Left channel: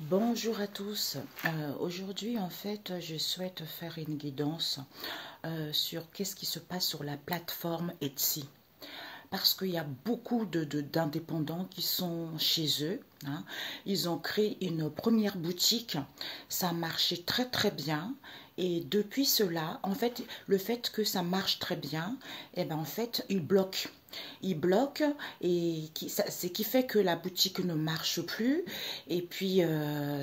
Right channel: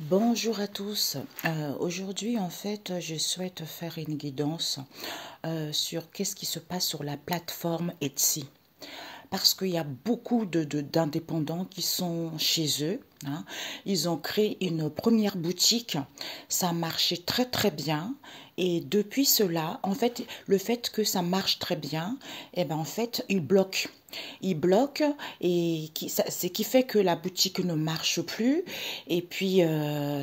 Bonjour à tous. Aujourd'hui, en fait, je souhaite faire une guidance sur qu'est-ce qui se passe sur la plateforme Etsy. Parce qu'il y a beaucoup d'indépendants qui sont chez eux. Hein. Ils ont créé une première boutique. Ça marchait très très bien. Et depuis cela, en fait, le fait que ça marche très bien, eh ben, en fait, ils bloquent. Ils bloquent et ce qui fait que la boutique ne marche plus. Et puis,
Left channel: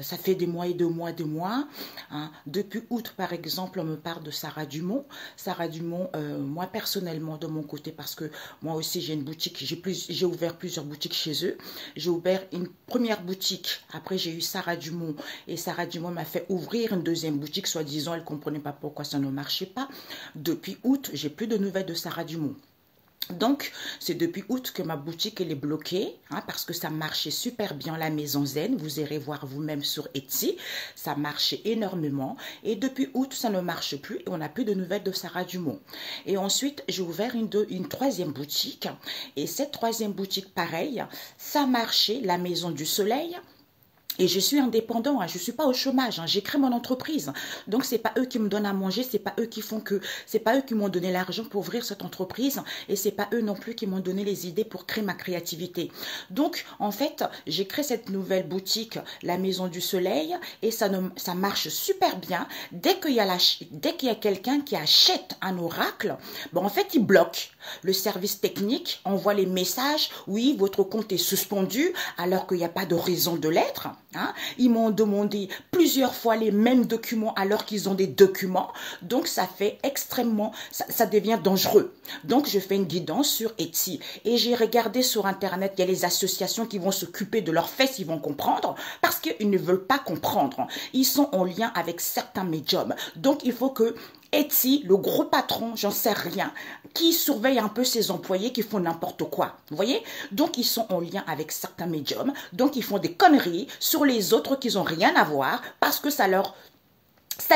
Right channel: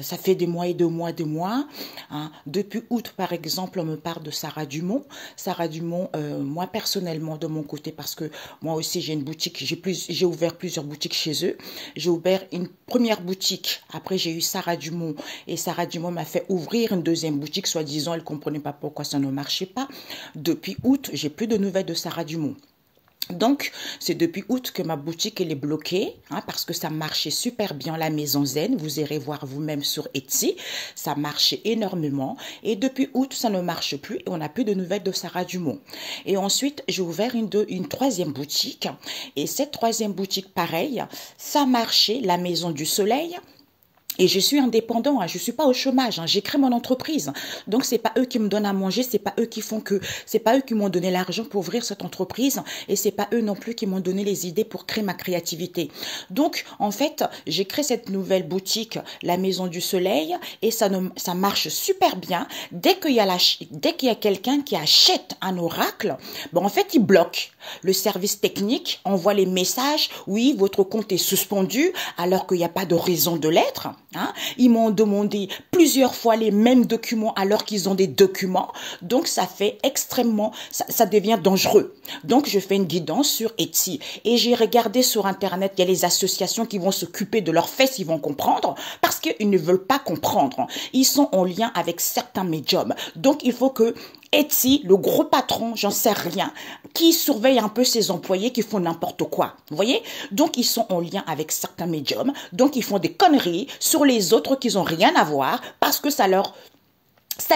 ça fait des mois et des mois, des mois. Hein. Depuis août, par exemple, on me parle de Sarah Dumont. Sarah Dumont, moi personnellement, de mon côté, parce que moi aussi, j'ai une boutique, j'ai ouvert plusieurs boutiques chez eux. J'ai ouvert une première boutique. Après, j'ai eu Sarah Dumont. Et Sarah Dumont m'a fait ouvrir une deuxième boutique, soi-disant, elle ne comprenait pas pourquoi ça ne marchait pas. Depuis août, j'ai plus de nouvelles de Sarah Dumont. Donc, c'est depuis août que ma boutique elle est bloquée, hein, parce que ça marchait super bien, la Maison Zen. Vous irez voir vous-même sur Etsy. Ça marchait énormément. Et depuis août, ça ne marche plus et on n'a plus de nouvelles de Sarah Dumont. Et ensuite, j'ai ouvert une troisième boutique. Et cette troisième boutique, pareil, ça marchait, la Maison du Soleil. Et je suis indépendant, hein, je suis pas au chômage, hein, j'ai créé mon entreprise. Donc c'est pas eux qui me donnent à manger, c'est pas eux qui font que, c'est pas eux qui m'ont donné l'argent pour ouvrir cette entreprise, et c'est pas eux non plus qui m'ont donné les idées pour créer ma créativité. Donc en fait, j'ai créé cette nouvelle boutique, la Maison du Soleil, et ça marche super bien. Dès qu'il y a quelqu'un qui achète un oracle, bon en fait il bloque. Le service technique envoie les messages, oui votre compte est suspendu, alors qu'il n'y a pas de raison de l'être. Hein. Ils m'ont demandé plusieurs fois les mêmes documents alors qu'ils ont des documents. Donc, ça fait extrêmement, ça devient dangereux. Donc, je fais une guidance sur Etsy. Et j'ai regardé sur Internet, il y a les associations qui vont s'occuper de leurs fesses, ils vont comprendre parce qu'ils ne veulent pas comprendre. Ils sont en lien avec certains médiums. Donc, il faut que Etsy, le gros patron, j'en sais rien, qui surveille un peu ses employés qui font n'importe quoi. Vous voyez? Donc, ils sont en lien avec certains médiums. Donc, ils font des conneries sur les autres qui n'ont rien à voir parce que ça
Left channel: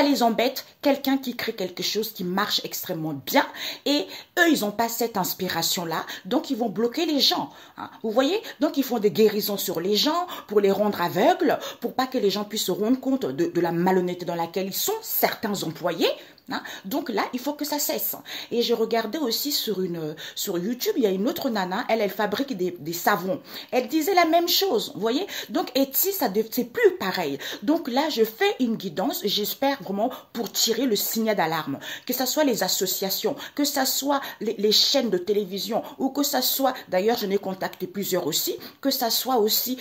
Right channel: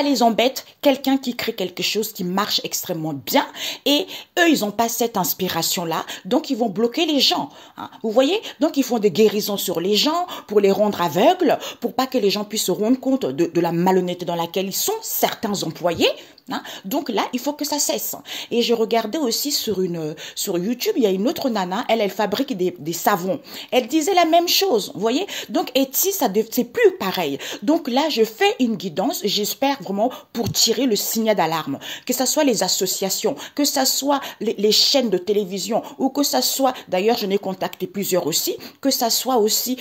les embête, quelqu'un qui crée quelque chose qui marche extrêmement bien et eux, ils n'ont pas cette inspiration-là, donc ils vont bloquer les gens. Hein. Vous voyez? Donc ils font des guérisons sur les gens pour les rendre aveugles, pour pas que les gens puissent se rendre compte de la malhonnêteté dans laquelle ils sont, certains employés. Hein. Donc là, il faut que ça cesse. Et je regardais aussi sur YouTube, il y a une autre nana, elle fabrique des savons. Elle disait la même chose, vous voyez? Donc Etsy, c'est plus pareil. Donc là, je fais une guidance, j'espère vraiment pour tirer le signal d'alarme. Que ce soit les associations, que ce soit les chaînes de télévision, ou que ce soit, d'ailleurs, je n'ai contacté plusieurs aussi, que ce soit aussi...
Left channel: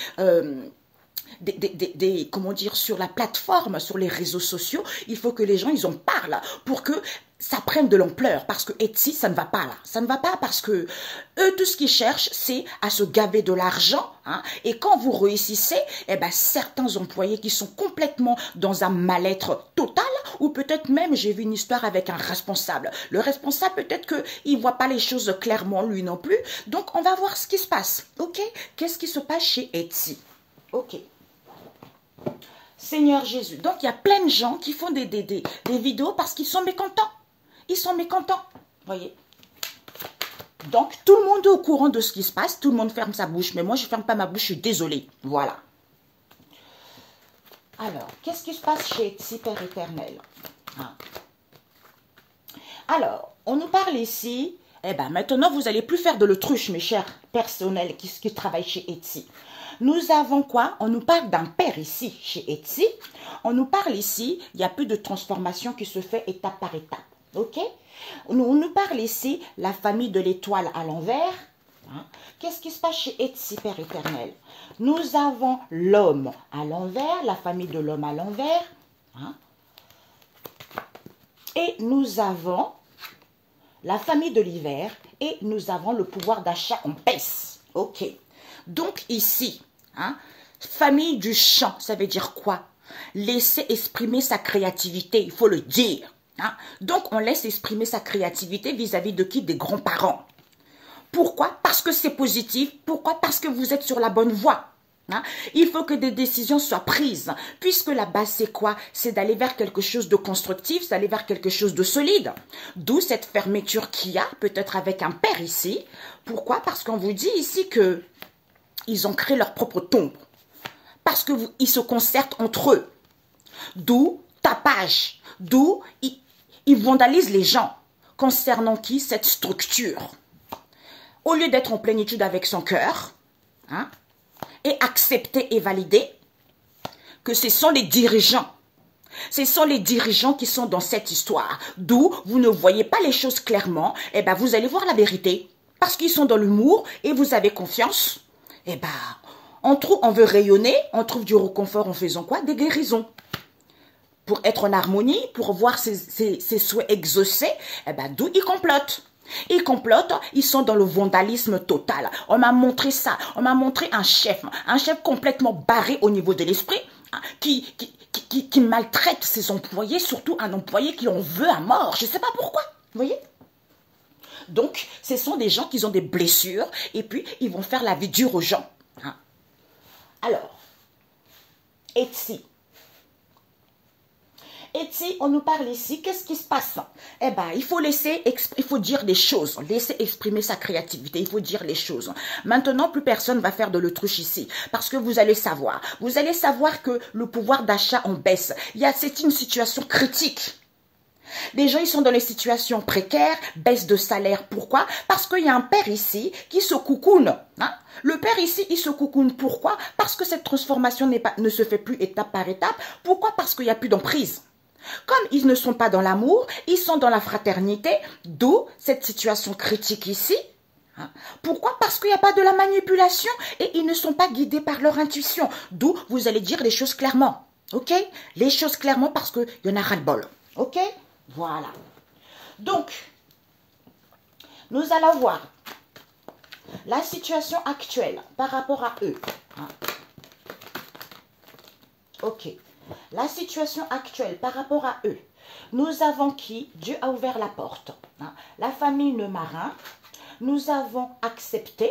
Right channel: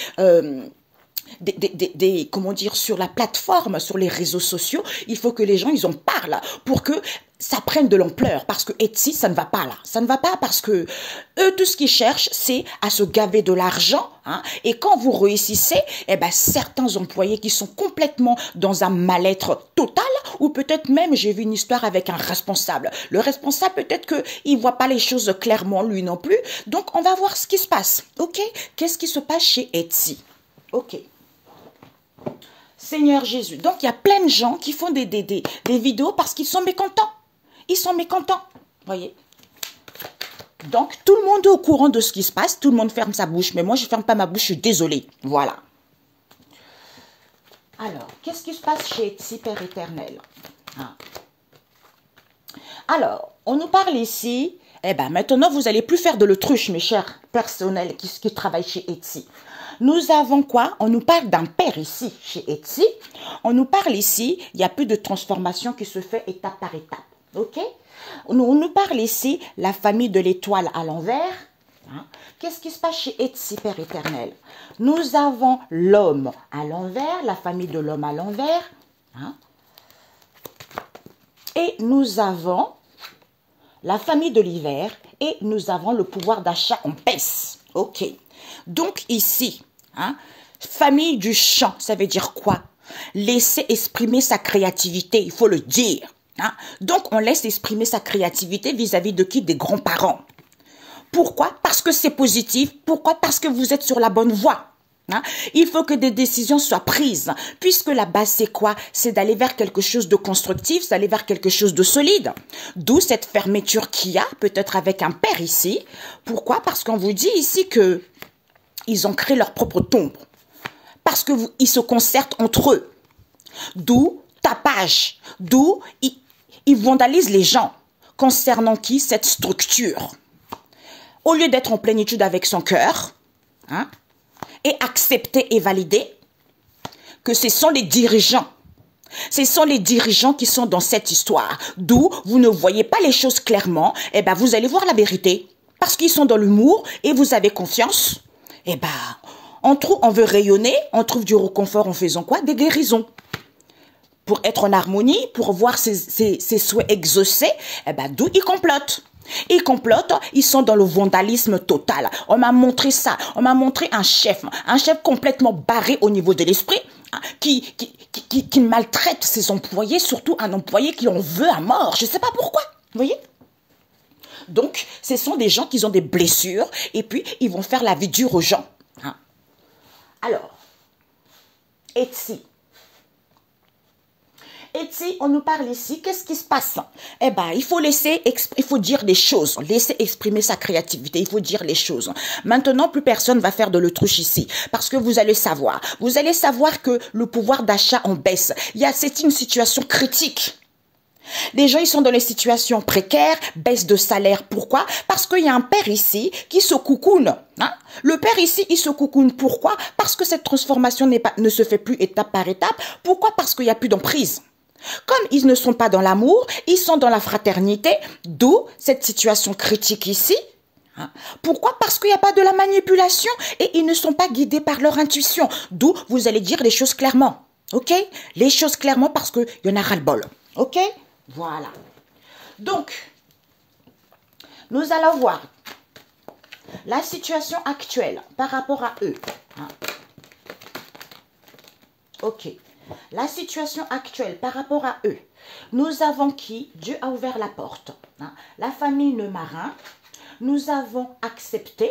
comment dire, sur la plateforme, sur les réseaux sociaux, il faut que les gens, ils en parlent pour que ça prenne de l'ampleur. Parce que Etsy, ça ne va pas là. Ça ne va pas parce que eux, tout ce qu'ils cherchent, c'est à se gaver de l'argent. Hein, et quand vous réussissez, eh ben, certains employés qui sont complètement dans un mal-être total, ou peut-être même, j'ai vu une histoire avec un responsable. Le responsable, peut-être qu'il ne voit pas les choses clairement, lui non plus. Donc, on va voir ce qui se passe. OK? Qu'est-ce qui se passe chez Etsy? OK. Seigneur Jésus. Donc, il y a plein de gens qui font des vidéos parce qu'ils sont mécontents. Ils sont mécontents. Voyez. Donc, tout le monde est au courant de ce qui se passe. Tout le monde ferme sa bouche. Mais moi, je ne ferme pas ma bouche. Je suis désolée. Voilà. Alors, qu'est-ce qui se passe chez Etsy, Père éternel? Ah. Alors, on nous parle ici. Eh bien, maintenant, vous n'allez plus faire de l'autruche, mes chers personnels qui travaillent chez Etsy. Nous avons quoi? On nous parle d'un père ici, chez Etsy. On nous parle ici, il y a plus de transformation qui se fait étape par étape. OK? On nous parle ici, la famille de l'étoile à l'envers. Hein? Qu'est-ce qui se passe chez Etsy, Père éternel? Nous avons l'homme à l'envers, la famille de l'homme à l'envers. Hein? Et nous avons la famille de l'hiver et nous avons le pouvoir d'achat en baisse. OK. Donc ici, hein, famille du champ, ça veut dire quoi? Laisser exprimer sa créativité, il faut le dire. Hein. Donc on laisse exprimer sa créativité vis-à-vis de qui? Des grands-parents. Pourquoi? Parce que c'est positif. Pourquoi? Parce que vous êtes sur la bonne voie. Hein? Il faut que des décisions soient prises, puisque la base c'est quoi? C'est d'aller vers quelque chose de constructif, c'est d'aller vers quelque chose de solide. D'où cette fermeture qu'il y a, peut-être avec un père ici. Pourquoi? Parce qu'on vous dit ici que ils ont créé leur propre tombe. parce que ils se concertent entre eux. D'où tapage, d'où ils vandalisent les gens. Concernant qui? Cette structure. Au lieu d'être en plénitude avec son cœur, hein, et accepter et valider que ce sont les dirigeants. Ce sont les dirigeants qui sont dans cette histoire. D'où vous ne voyez pas les choses clairement. Eh ben, vous allez voir la vérité. Parce qu'ils sont dans l'humour et vous avez confiance. Eh ben, on veut rayonner, on trouve du réconfort en faisant quoi? Des guérisons. Pour être en harmonie, pour voir ses souhaits exaucés, eh ben, d'où ils complotent. Ils complotent, ils sont dans le vandalisme total. On m'a montré ça, on m'a montré un chef complètement barré au niveau de l'esprit, qui maltraite ses employés, surtout un employé qui en veut à mort. Je ne sais pas pourquoi, vous voyez? Donc, ce sont des gens qui ont des blessures et puis ils vont faire la vie dure aux gens. Hein. Alors, Etsy. Etsy, on nous parle ici, qu'est-ce qui se passe? Eh bien, il faut dire des choses, laisser exprimer sa créativité, il faut dire les choses. Maintenant, plus personne va faire de l'autruche ici, parce que vous allez savoir que le pouvoir d'achat en baisse. C'est une situation critique. Les gens, ils sont dans les situations précaires, baisse de salaire. Pourquoi? Parce qu'il y a un père ici qui se coucoune. Hein? Le père ici, il se coucoune. Pourquoi? Parce que cette transformation ne se fait plus étape par étape. Pourquoi? Parce qu'il n'y a plus d'emprise. Comme ils ne sont pas dans l'amour, ils sont dans la fraternité, d'où cette situation critique ici. Hein? Pourquoi? Parce qu'il n'y a pas de la manipulation et ils ne sont pas guidés par leur intuition. D'où vous allez dire les choses clairement. Ok? Les choses clairement parce qu'il y en a ras-le-bol. Ok? Voilà. Donc, nous allons voir la situation actuelle par rapport à eux. Hein? Ok. La situation actuelle par rapport à eux. Nous avons qui? Dieu a ouvert la porte. Hein? La famille Le Marin. Nous avons accepté.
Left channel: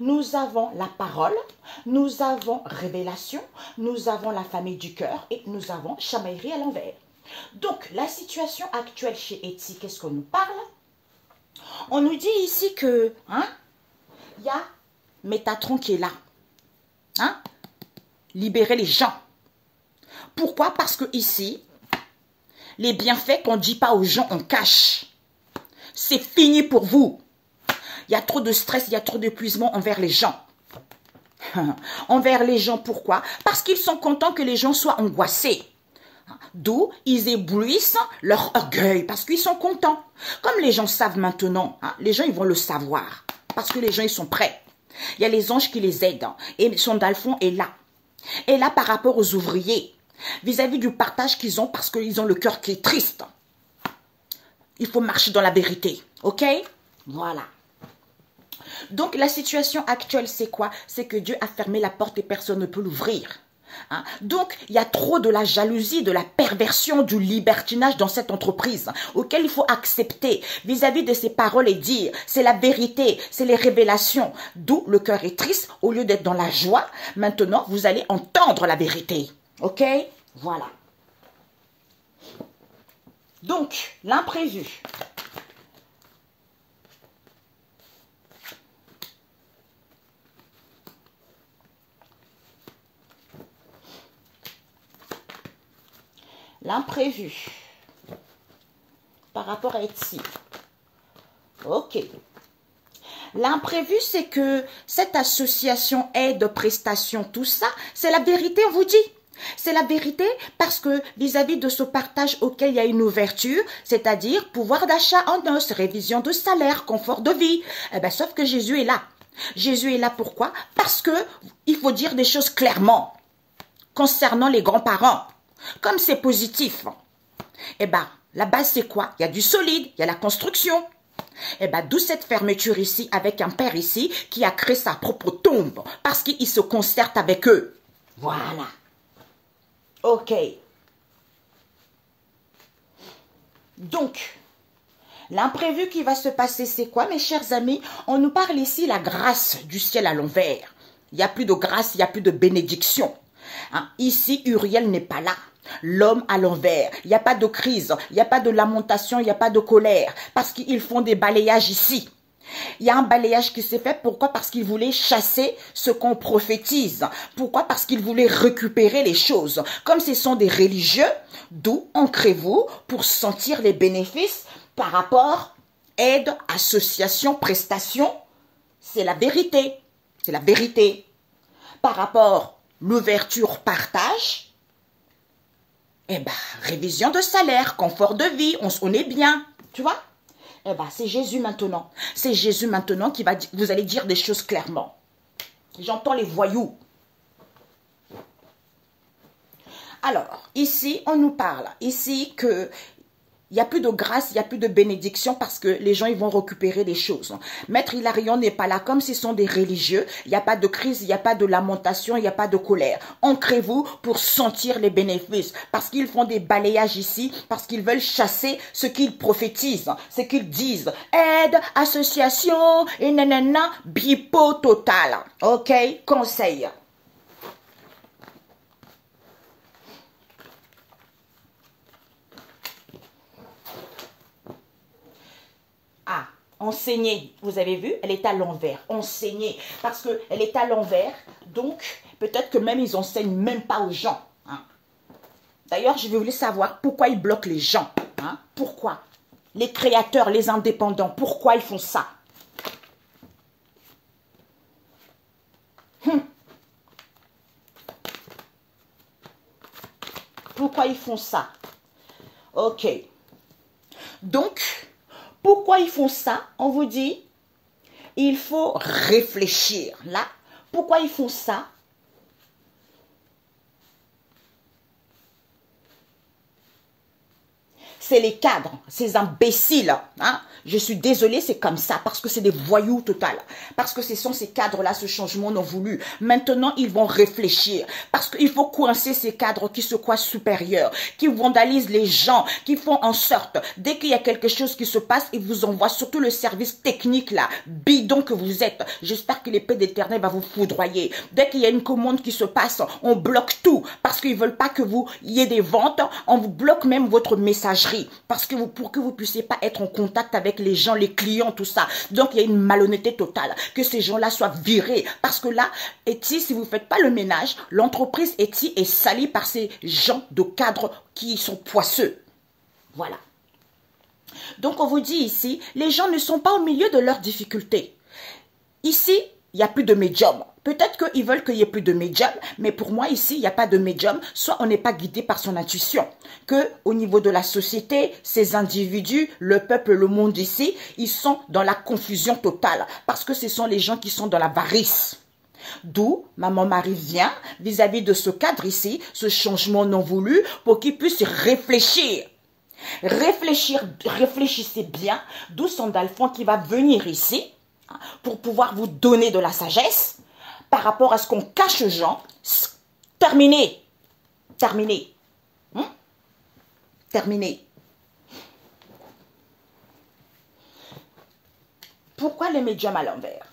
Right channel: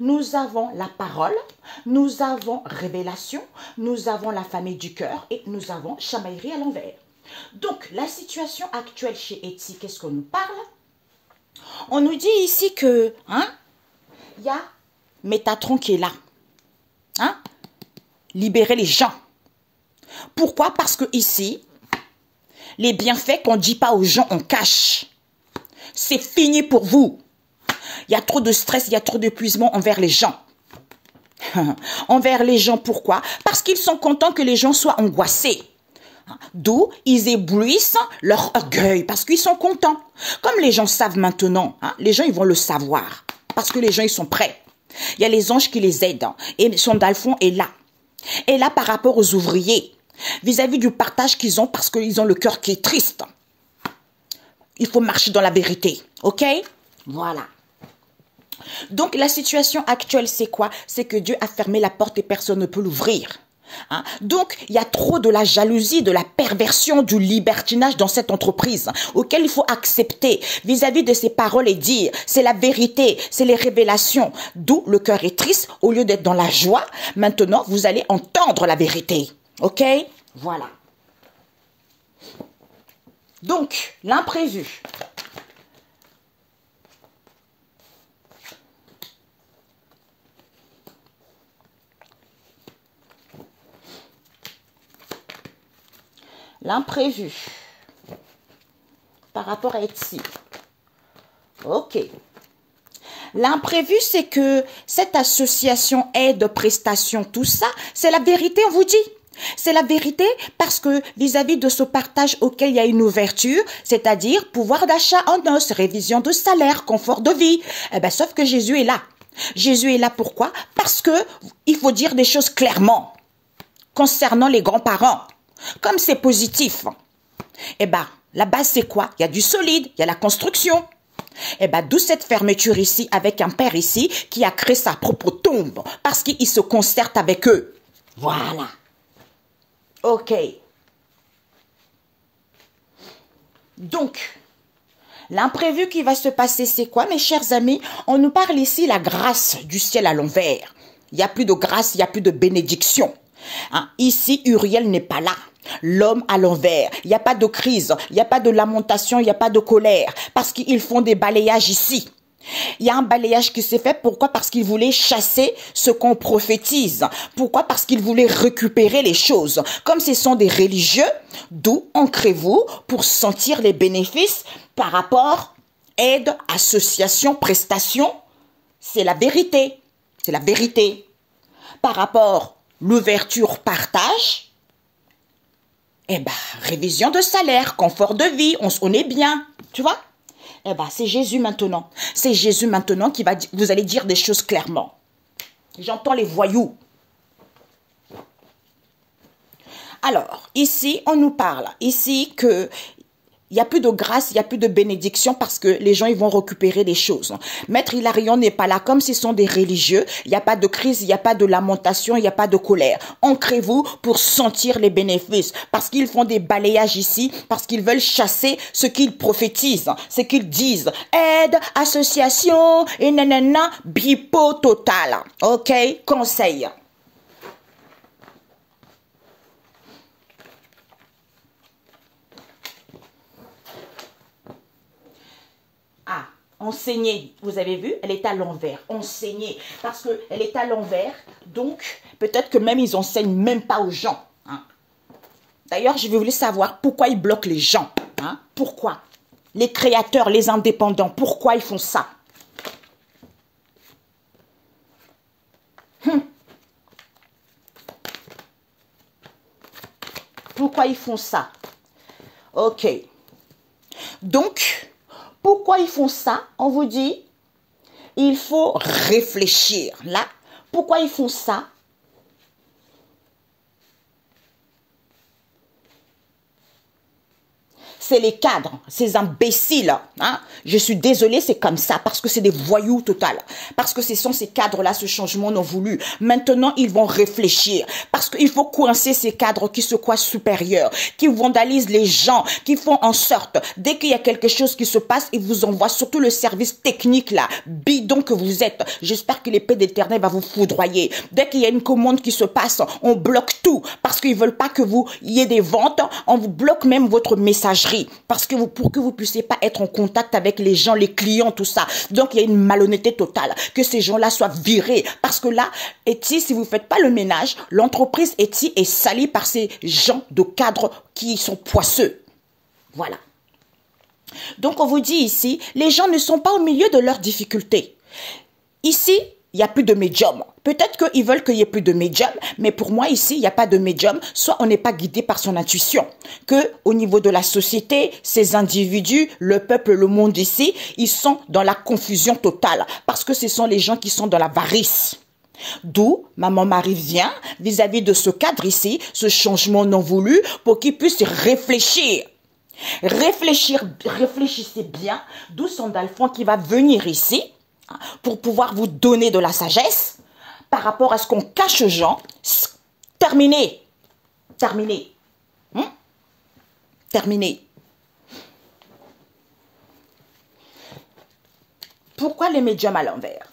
Nous avons la parole. Nous avons révélation. Nous avons la famille du cœur. Et nous avons chamaillerie à l'envers. Donc, la situation actuelle chez Etsy, qu'est-ce qu'on nous parle? On nous dit ici que, hein, il y a Métatron qui est là. Hein? Libérer les gens. Pourquoi? Parce que ici, les bienfaits qu'on ne dit pas aux gens, on cache. C'est fini pour vous. Il y a trop de stress, il y a trop d'épuisement envers les gens. Envers les gens, pourquoi? Parce qu'ils sont contents que les gens soient angoissés. D'où ils éblouissent leur orgueil parce qu'ils sont contents. Comme les gens savent maintenant, hein, les gens ils vont le savoir parce que les gens ils sont prêts. Il y a les anges qui les aident et son Dalphon est là. Et là par rapport aux ouvriers, vis-à-vis du partage qu'ils ont parce qu'ils ont le cœur qui est triste. Il faut marcher dans la vérité, ok? Voilà. Donc la situation actuelle c'est quoi? C'est que Dieu a fermé la porte et personne ne peut l'ouvrir. Hein? Donc, il y a trop de la jalousie, de la perversion, du libertinage dans cette entreprise auquel il faut accepter vis-à-vis de ces paroles et dire, c'est la vérité, c'est les révélations. D'où le cœur est triste, au lieu d'être dans la joie, maintenant, vous allez entendre la vérité. Ok? Voilà. Donc, l'imprévu. L'imprévu par rapport à Etsy. Ok. L'imprévu, c'est que cette association aide, prestation, tout ça, c'est la vérité, on vous dit. C'est la vérité parce que vis-à-vis de ce partage auquel il y a une ouverture, c'est-à-dire pouvoir d'achat en os, révision de salaire, confort de vie, eh ben, sauf que Jésus est là. Jésus est là pourquoi? Parce que il faut dire des choses clairement concernant les grands-parents. Comme c'est positif, eh ben, la base c'est quoi? Il y a du solide, il y a la construction. Eh ben, d'où cette fermeture ici avec un père ici qui a créé sa propre tombe parce qu'il se concerte avec eux. Voilà. Ok. Donc, l'imprévu qui va se passer, c'est quoi, mes chers amis? On nous parle ici la grâce du ciel à l'envers. Il n'y a plus de grâce, il n'y a plus de bénédiction. Hein? Ici, Uriel n'est pas là. L'homme à l'envers. Il n'y a pas de crise, il n'y a pas de lamentation, il n'y a pas de colère. Parce qu'ils font des balayages ici. Il y a un balayage qui s'est fait. Pourquoi? Parce qu'il voulait chasser ce qu'on prophétise. Pourquoi? Parce qu'il voulait récupérer les choses. Comme ce sont des religieux, d'où ancrez-vous pour sentir les bénéfices par rapport aide, association, prestation. C'est la vérité. C'est la vérité. Par rapport l'ouverture, partage, eh ben, révision de salaire, confort de vie, on est bien. Tu vois? Eh bien, c'est Jésus maintenant. C'est Jésus maintenant qui va, vous allez dire des choses clairement. J'entends les voyous. Alors, ici, on nous parle. Ici, que il n'y a plus de grâce, il n'y a plus de bénédiction parce que les gens, ils vont récupérer des choses. Maître Hilarion n'est pas là. Comme ce sont des religieux, il n'y a pas de crise, il n'y a pas de lamentation, il n'y a pas de colère. Ancrez-vous pour sentir les bénéfices. Parce qu'ils font des balayages ici, parce qu'ils veulent chasser ce qu'ils prophétisent, ce qu'ils disent. Aide, association, et nanana, bipo total. Ok? Conseil. Ah, enseigner, vous avez vu, elle est à l'envers. Enseigner, parce qu'elle est à l'envers, donc peut-être que même ils enseignent même pas aux gens. Hein. D'ailleurs, je voulais savoir pourquoi ils bloquent les gens. Hein. Pourquoi? Les créateurs, les indépendants, pourquoi ils font ça? Pourquoi ils font ça? Ok. Donc, pourquoi ils font ça? On vous dit, il faut réfléchir. Là, pourquoi ils font ça? C'est les cadres, ces imbéciles. Hein? Je suis désolée, c'est comme ça, parce que c'est des voyous total. Parce que ce sont ces cadres-là, ce changement non voulu. Maintenant, ils vont réfléchir. Parce qu'il faut coincer ces cadres qui se croient supérieurs, qui vandalisent les gens, qui font en sorte, dès qu'il y a quelque chose qui se passe, ils vous envoient surtout le service technique là, bidon que vous êtes. J'espère que l'épée d'Éternel va vous foudroyer. Dès qu'il y a une commande qui se passe, on bloque tout, parce qu'ils veulent pas que vous y ait des ventes, on vous bloque même votre messagerie. Parce que pour que vous puissiez pas être en contact avec les gens, les clients, tout ça. Donc, il y a une malhonnêteté totale. Que ces gens-là soient virés. Parce que là, Etsy, si vous ne faites pas le ménage, l'entreprise Etsy est salie par ces gens de cadres qui sont poisseux. Voilà. Donc, on vous dit ici, les gens ne sont pas au milieu de leurs difficultés. Ici, il n'y a plus de médium. Peut-être qu'ils veulent qu'il n'y ait plus de médium, mais pour moi ici, il n'y a pas de médium. Soit on n'est pas guidé par son intuition. Que au niveau de la société, ces individus, le peuple, le monde ici, ils sont dans la confusion totale. Parce que ce sont les gens qui sont dans l'avarice. D'où Maman Marie vient vis-à-vis de ce cadre ici, ce changement non voulu, pour qu'ils puissent réfléchir. Réfléchissez bien, d'où Sandalphon qui va venir ici, pour pouvoir vous donner de la sagesse par rapport à ce qu'on cache aux gens. Terminé. Terminé. Terminé. Pourquoi les médiums à l'envers?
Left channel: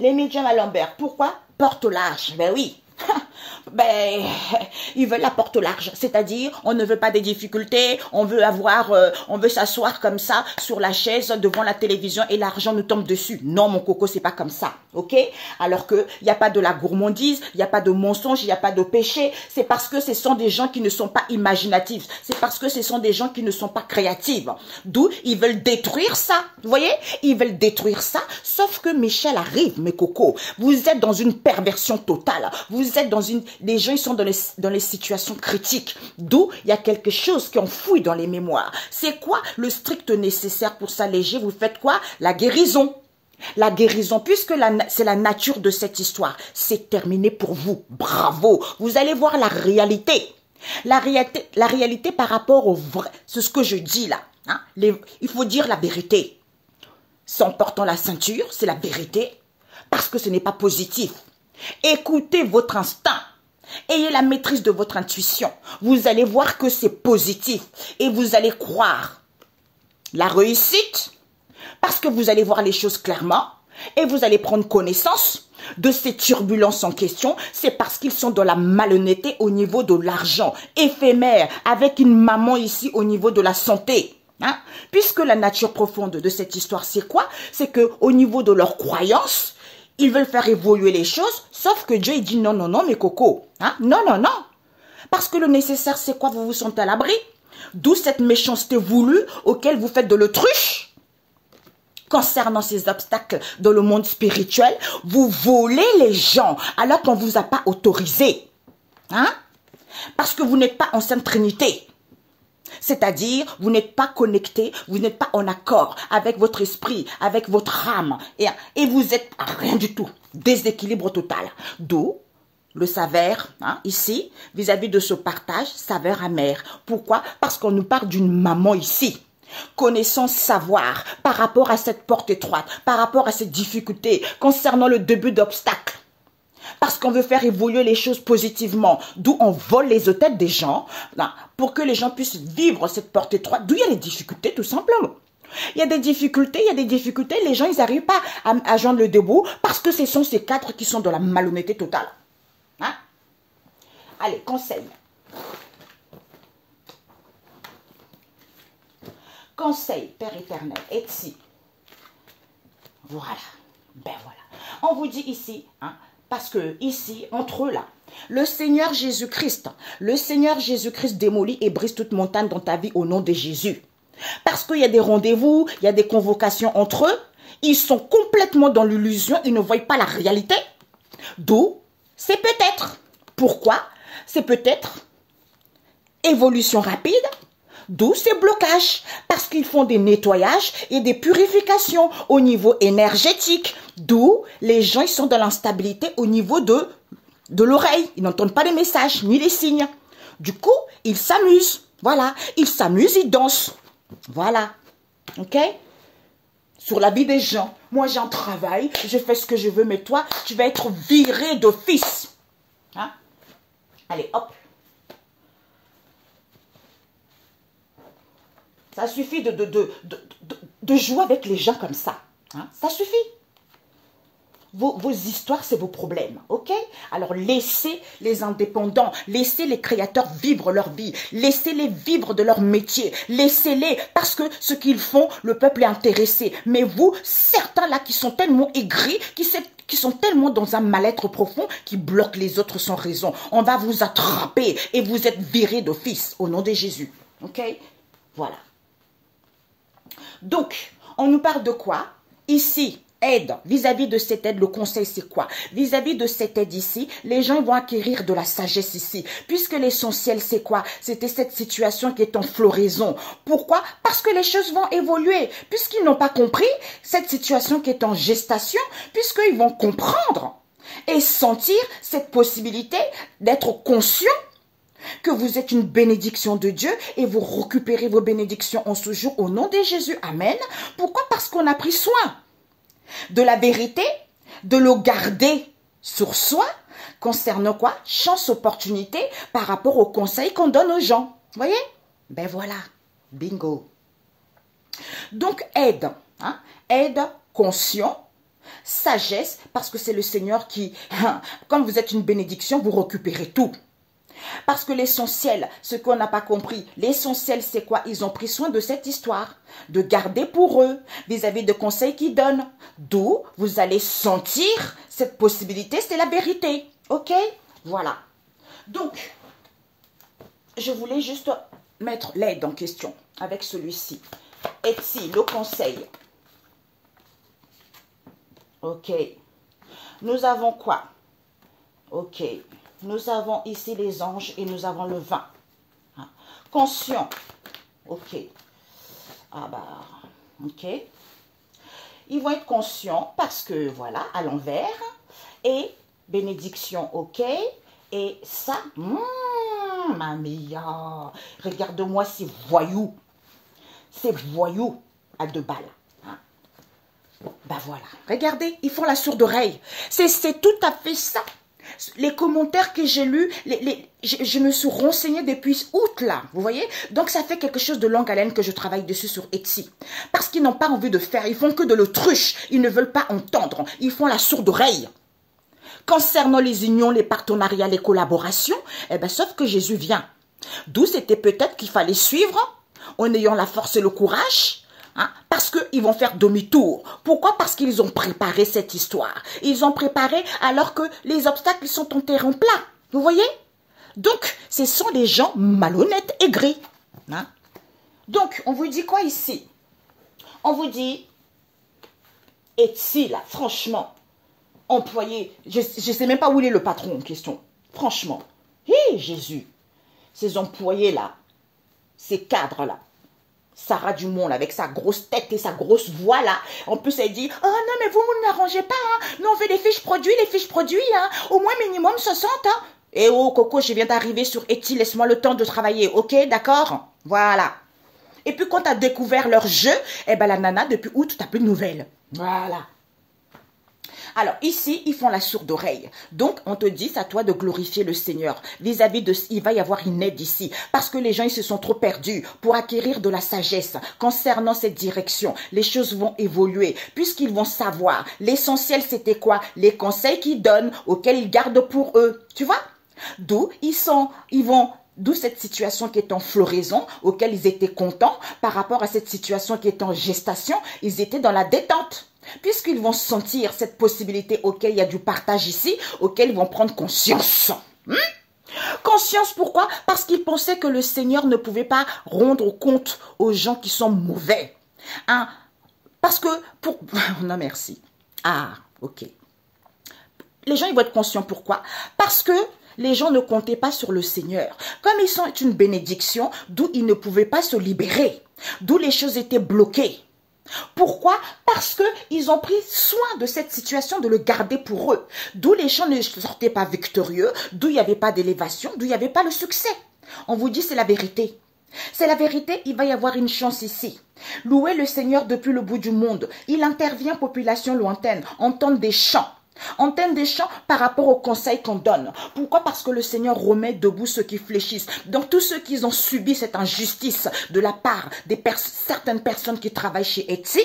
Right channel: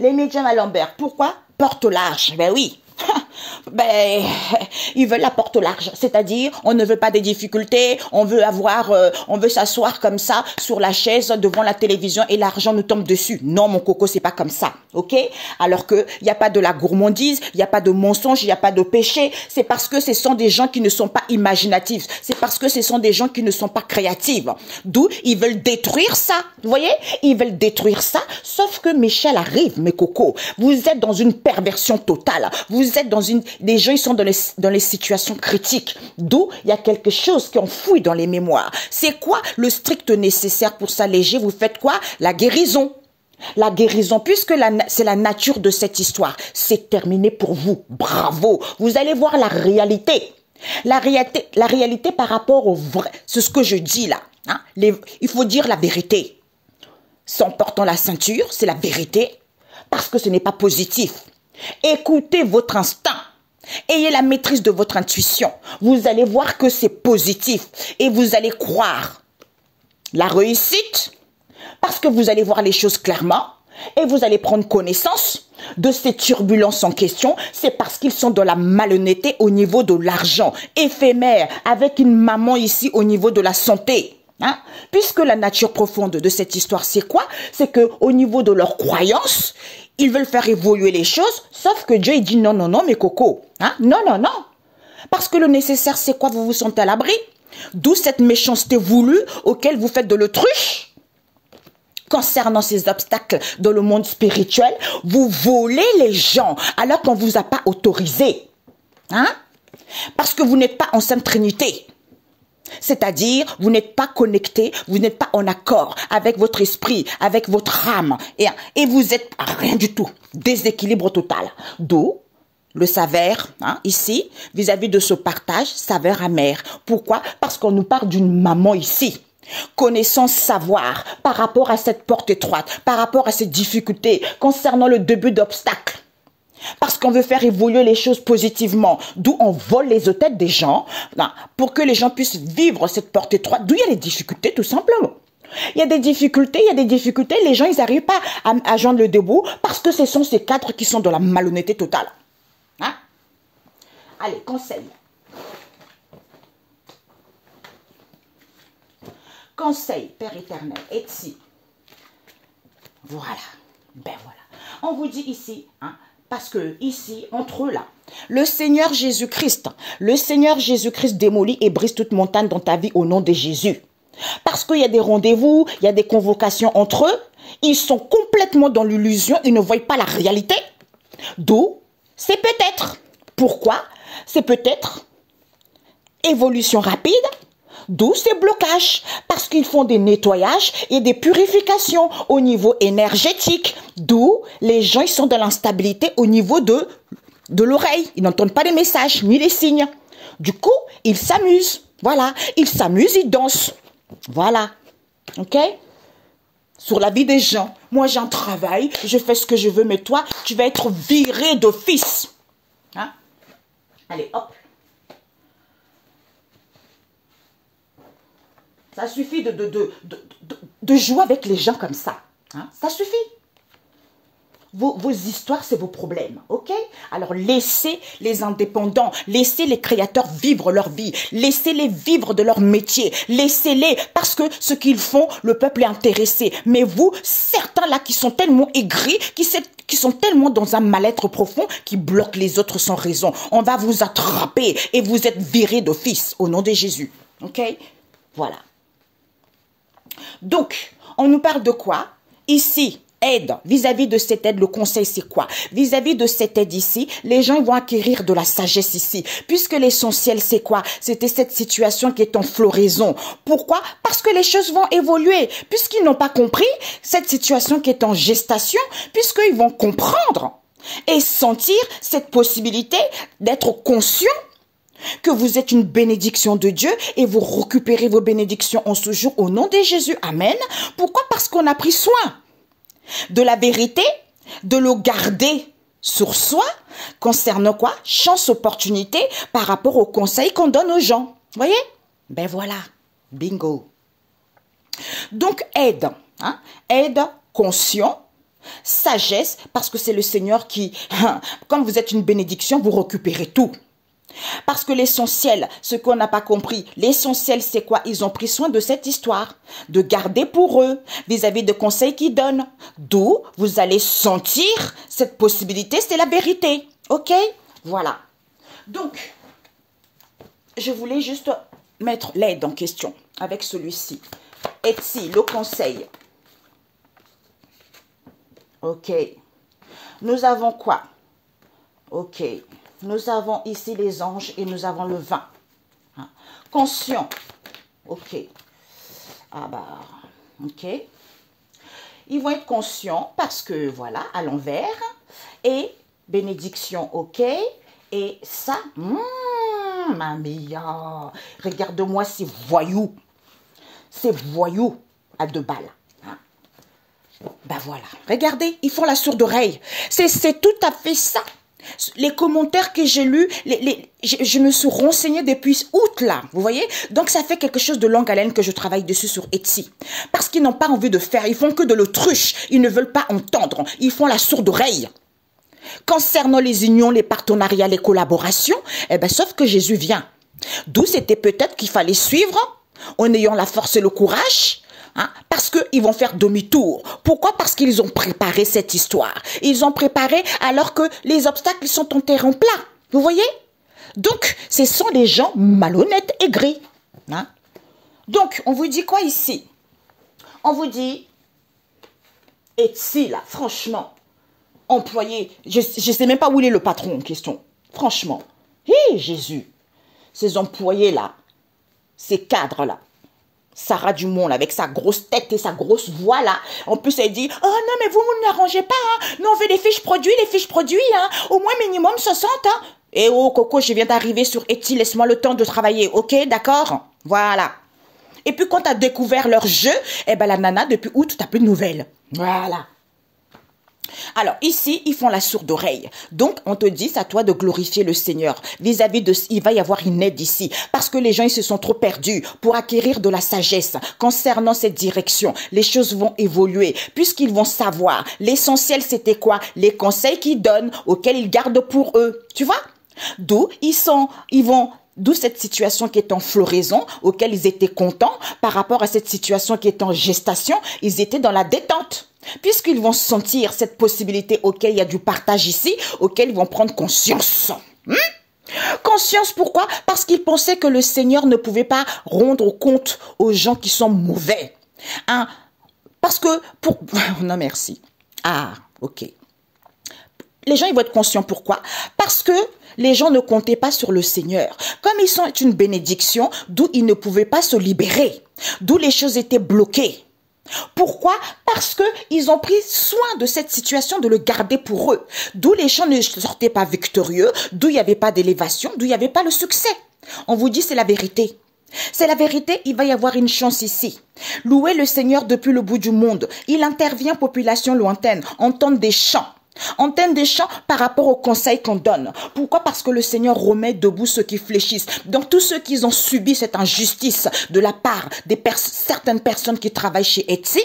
Les médiums à l'envers, pourquoi? Porte large. Ben oui. Ben, ils veulent la porte au large, c'est-à-dire on ne veut pas des difficultés, on veut avoir, on veut s'asseoir comme ça sur la chaise devant la télévision et l'argent nous tombe dessus. Non, mon coco, c'est pas comme ça, ok? Alors que il n'y a pas de la gourmandise, il n'y a pas de mensonge, il n'y a pas de péché. C'est parce que ce sont des gens qui ne sont pas imaginatifs, c'est parce que ce sont des gens qui ne sont pas créatifs. D'où ils veulent détruire ça, vous voyez? Ils veulent détruire ça, sauf que Michel arrive, mes cocos. Vous êtes dans une perversion totale. Vous êtes dans une... Les gens, ils sont dans les situations critiques. D'où il y a quelque chose qui enfouit dans les mémoires. C'est quoi le strict nécessaire pour s'alléger? Vous faites quoi? La guérison. La guérison, puisque c'est la nature de cette histoire. C'est terminé pour vous. Bravo. Vous allez voir la réalité. La réalité par rapport au vrai. C'est ce que je dis là. Hein? Il faut dire la vérité. Sans portant la ceinture, c'est la vérité. Parce que ce n'est pas positif. Écoutez votre instinct. Ayez la maîtrise de votre intuition. Vous allez voir que c'est positif. Et vous allez croire la réussite. Parce que vous allez voir les choses clairement. Et vous allez prendre connaissance de ces turbulences en question. C'est parce qu'ils sont dans la malhonnêteté au niveau de l'argent éphémère. Avec une maman ici au niveau de la santé. Hein? Puisque la nature profonde de cette histoire, c'est quoi? C'est qu'au niveau de leurs croyances, ils veulent faire évoluer les choses, sauf que Dieu il dit non, non, non, mes cocos. Hein? Non, non, non. Parce que le nécessaire, c'est quoi? Vous vous sentez à l'abri. D'où cette méchanceté voulue auquel vous faites de l'autruche. Concernant ces obstacles dans le monde spirituel, vous volez les gens alors qu'on ne vous a pas autorisé. Hein? Parce que vous n'êtes pas en Sainte Trinité. C'est-à-dire, vous n'êtes pas connecté, vous n'êtes pas en accord avec votre esprit, avec votre âme. Et vous êtes rien du tout. Déséquilibre total. D'où le s'avère, hein, ici, vis-à-vis de ce partage, saveur amère. Pourquoi? Parce qu'on nous parle d'une maman ici. Connaissance, savoir, par rapport à cette porte étroite, par rapport à ces difficultés, concernant le début d'obstacles. Parce qu'on veut faire évoluer les choses positivement. D'où on vole les têtes des gens, là, pour que les gens puissent vivre cette porte étroite. D'où il y a des difficultés, tout simplement. Il y a des difficultés, les gens, ils n'arrivent pas à joindre le debout parce que ce sont ces cadres qui sont de la malhonnêteté totale. Hein? Allez, conseil. Conseil, Père éternel, Etsi. Voilà. Ben voilà. On vous dit ici, hein, parce que ici, entre eux là, le Seigneur Jésus-Christ démolit et brise toute montagne dans ta vie au nom de Jésus. Parce qu'il y a des rendez-vous, il y a des convocations entre eux, ils sont complètement dans l'illusion, ils ne voient pas la réalité. D'où, c'est peut-être. Pourquoi? C'est peut-être évolution rapide. D'où ces blocages, parce qu'ils font des nettoyages et des purifications au niveau énergétique. D'où les gens ils sont dans l'instabilité au niveau de l'oreille. Ils n'entendent pas les messages ni les signes. Du coup, ils s'amusent. Voilà, ils s'amusent, ils dansent. Voilà, ok? Sur la vie des gens. Moi, j'ai un travail, je fais ce que je veux, mais toi, tu vas être viré d'office. Hein? Allez, hop. Ça suffit de jouer avec les gens comme ça. Hein? Ça suffit. Vos histoires, c'est vos problèmes. Ok? Alors, laissez les indépendants, laissez les créateurs vivre leur vie. Laissez-les vivre de leur métier. Laissez-les, parce que ce qu'ils font, le peuple est intéressé. Mais vous, certains là qui sont tellement aigris, qui sont tellement dans un mal-être profond, qui bloquent les autres sans raison. On va vous attraper et vous êtes virés d'office au nom de Jésus. Ok? Voilà. Donc, on nous parle de quoi? Ici, aide. Vis-à-vis de cette aide, le conseil, c'est quoi? Vis-à-vis de cette aide ici, les gens vont acquérir de la sagesse ici. Puisque l'essentiel, c'est quoi? C'était cette situation qui est en floraison. Pourquoi? Parce que les choses vont évoluer. Puisqu'ils n'ont pas compris cette situation qui est en gestation, puisqu'ils vont comprendre et sentir cette possibilité d'être conscients que vous êtes une bénédiction de Dieu et vous récupérez vos bénédictions en ce jour au nom de Jésus. Amen. Pourquoi? Parce qu'on a pris soin de la vérité, de le garder sur soi, concernant quoi? Chance, opportunité par rapport aux conseils qu'on donne aux gens. Vous voyez? Ben voilà. Bingo. Donc aide. Hein? Aide conscient. Sagesse, parce que c'est le Seigneur qui, quand vous êtes une bénédiction, vous récupérez tout. Parce que l'essentiel, ce qu'on n'a pas compris, l'essentiel c'est quoi? Ils ont pris soin de cette histoire, de garder pour eux, vis-à-vis de conseils qu'ils donnent. D'où vous allez sentir cette possibilité, c'est la vérité. Ok? Voilà. Donc, je voulais juste mettre l'aide en question avec celui-ci. Etsi, le conseil. Ok. Nous avons quoi? Ok. Nous avons ici les anges et nous avons le vin. Hein? Conscient. Ok. Ah bah, ok. Ils vont être conscients parce que, voilà, à l'envers. Et bénédiction, ok. Et ça, ma mia. Regarde-moi ces voyous. Ces voyous à 2 balles. Hein? Ben voilà. Regardez, ils font la sourde oreille. C'est tout à fait ça. Les commentaires que j'ai lus, je me suis renseignée depuis août là, vous voyez? Donc ça fait quelque chose de longue haleine que je travaille dessus sur Etsy. Parce qu'ils n'ont pas envie de faire, ils font que de l'autruche, ils ne veulent pas entendre, ils font la sourde oreille. Concernant les unions, les partenariats, les collaborations, eh ben sauf que Jésus vient. D'où c'était peut-être qu'il fallait suivre en ayant la force et le courage, hein, parce qu'ils vont faire demi-tour. Pourquoi? Parce qu'ils ont préparé cette histoire. Ils ont préparé alors que les obstacles sont en terrain plat. Vous voyez? Donc, ce sont des gens malhonnêtes, aigris. Hein? Donc, on vous dit quoi ici? On vous dit, Etsy, là, franchement, employé, je ne sais même pas où il est le patron en question. Franchement, hé, Jésus, ces employés-là, ces cadres-là, Sarah Dumont, là, avec sa grosse tête et sa grosse voix, là, en plus, elle dit, oh non, mais vous ne l'arrangez pas, hein. Nous, on veut des fiches produits, hein. Au moins minimum 60, hein. Eh oh, Coco, je viens d'arriver sur Etsy, laisse-moi le temps de travailler, ok, d'accord? Voilà. Et puis, quand tu as découvert leur jeu, eh ben, la nana, depuis août, tu n'as plus de nouvelles. Voilà. Alors, ici, ils font la sourde oreille. Donc, on te dit, c'est à toi de glorifier le Seigneur. Vis-à-vis de... Il va y avoir une aide ici. Parce que les gens, ils se sont trop perdus pour acquérir de la sagesse. Concernant cette direction, les choses vont évoluer. Puisqu'ils vont savoir. L'essentiel, c'était quoi? Les conseils qu'ils donnent, auxquels ils gardent pour eux. Tu vois? D'où D'où cette situation qui est en floraison, auquel ils étaient contents, par rapport à cette situation qui est en gestation, ils étaient dans la détente. Puisqu'ils vont sentir cette possibilité auquel il y a du partage ici, auquel ils vont prendre conscience. Conscience, pourquoi? Parce qu'ils pensaient que le Seigneur ne pouvait pas rendre compte aux gens qui sont mauvais. Hein? Parce que, non merci. Ah, ok. Les gens, ils vont être conscients. Pourquoi? Parce que les gens ne comptaient pas sur le Seigneur. Comme ils sont une bénédiction, d'où ils ne pouvaient pas se libérer. D'où les choses étaient bloquées. Pourquoi? Parce qu'ils ont pris soin de cette situation, de le garder pour eux. D'où les gens ne sortaient pas victorieux, d'où il n'y avait pas d'élévation, d'où il n'y avait pas le succès. On vous dit, c'est la vérité. C'est la vérité, il va y avoir une chance ici. Louez le Seigneur depuis le bout du monde. Il intervient, population lointaine, entendre des chants. Antenne des chants par rapport aux conseils qu'on donne. Pourquoi? Parce que le Seigneur remet debout ceux qui fléchissent. Donc tous ceux qui ont subi cette injustice de la part de certaines personnes qui travaillent chez Etsy,